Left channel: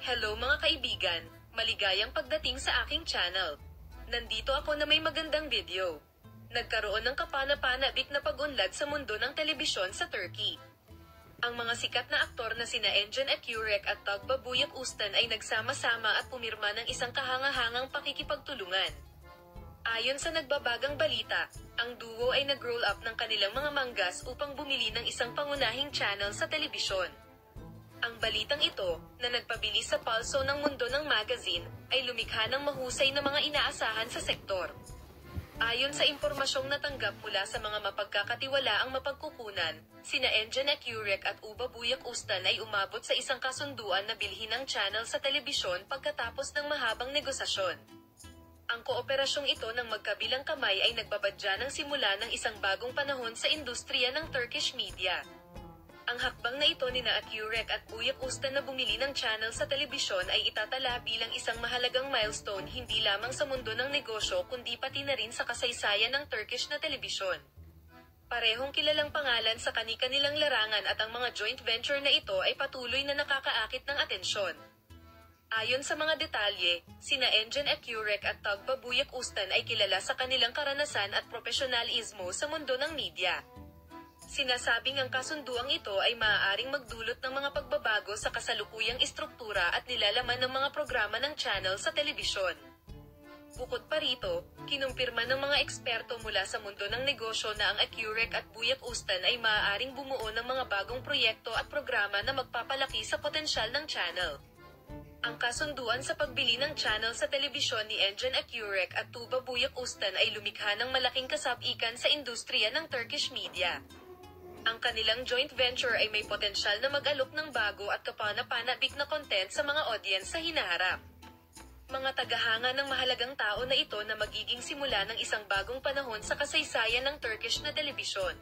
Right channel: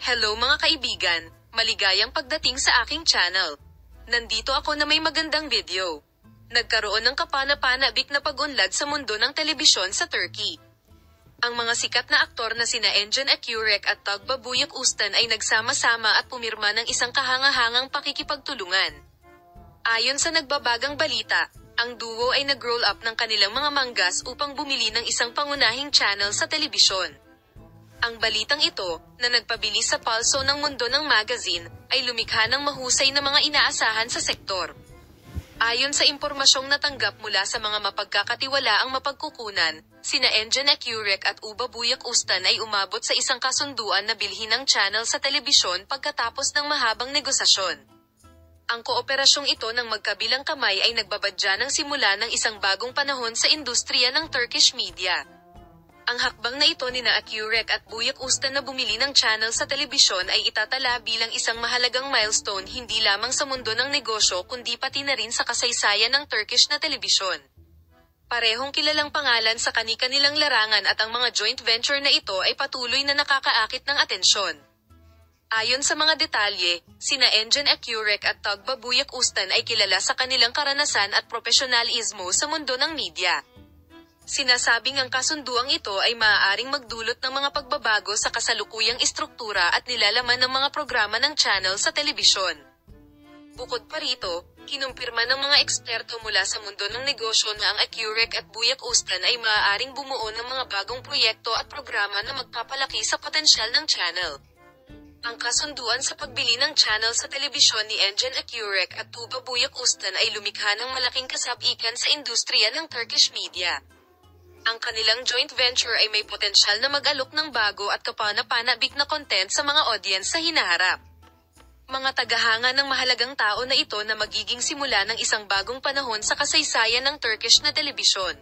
Hello mga kaibigan, maligayang pagdating sa aking channel. Nandito ako na may magandang video. Nagkaroon ng kapana-panabik na pag-unlad sa mundo ng telebisyon sa Turkey. Ang mga sikat na aktor na sina Engin Akyurek at Tagbabuyuk Ustan ay nagsama-sama at pumirma ng isang kahangahangang pakikipagtulungan. Ayon sa nagbabagang balita, ang duo ay nag-roll up ng kanilang mga manggas upang bumili ng isang pangunahing channel sa telebisyon. Ang balitang ito, na nagpabilis sa palso ng mundo ng magazine, ay lumikha ng mahusay na mga inaasahan sa sektor. Ayon sa impormasyong natanggap mula sa mga mapagkakatiwalaang mapagkukunan, sina Engin Akyurek at Tagbabuyuk Ustan ay umabot sa isang kasunduan na bilhin ng channel sa telebisyon pagkatapos ng mahabang negosasyon. Ang kooperasyong ito ng magkabilang kamay ay nagbabadya ng simula ng isang bagong panahon sa industriya ng Turkish media. Ang hakbang na ito nina Akyurek at Buyuk Ustan na bumili ng channel sa telebisyon ay itatala bilang isang mahalagang milestone hindi lamang sa mundo ng negosyo kundi pati na rin sa kasaysayan ng Turkish na telebisyon. Parehong kilalang pangalan sa kani-kanilang larangan at ang mga joint venture na ito ay patuloy na nakakaakit ng atensyon. Ayon sa mga detalye, sina Engin Akyurek at Tagbabuyuk Ustan ay kilala sa kanilang karanasan at profesionalismo sa mundo ng media. Sinasabing ang kasunduang ito ay maaaring magdulot ng mga pagbabago sa kasalukuyang istruktura at nilalaman ng mga programa ng channel sa telebisyon. Bukod pa rito, kinumpirma ng mga eksperto mula sa mundo ng negosyo na ang Akyurek at Buyuk Ustan ay maaaring bumuo ng mga bagong proyekto at programa na magpapalaki sa potensyal ng channel. Ang kasunduan sa pagbili ng channel sa telebisyon ni Engin Akyurek at Tagbabuyuk Ustan ay lumikha ng malaking kasabikan sa industriya ng Turkish media. Ang kanilang joint venture ay may potensyal na mag-alok ng bago at kapana-panabik na content sa mga audience sa hinaharap. Mga tagahanga ng mahalagang tao na ito na magiging simula ng isang bagong panahon sa kasaysayan ng Turkish na telebisyon.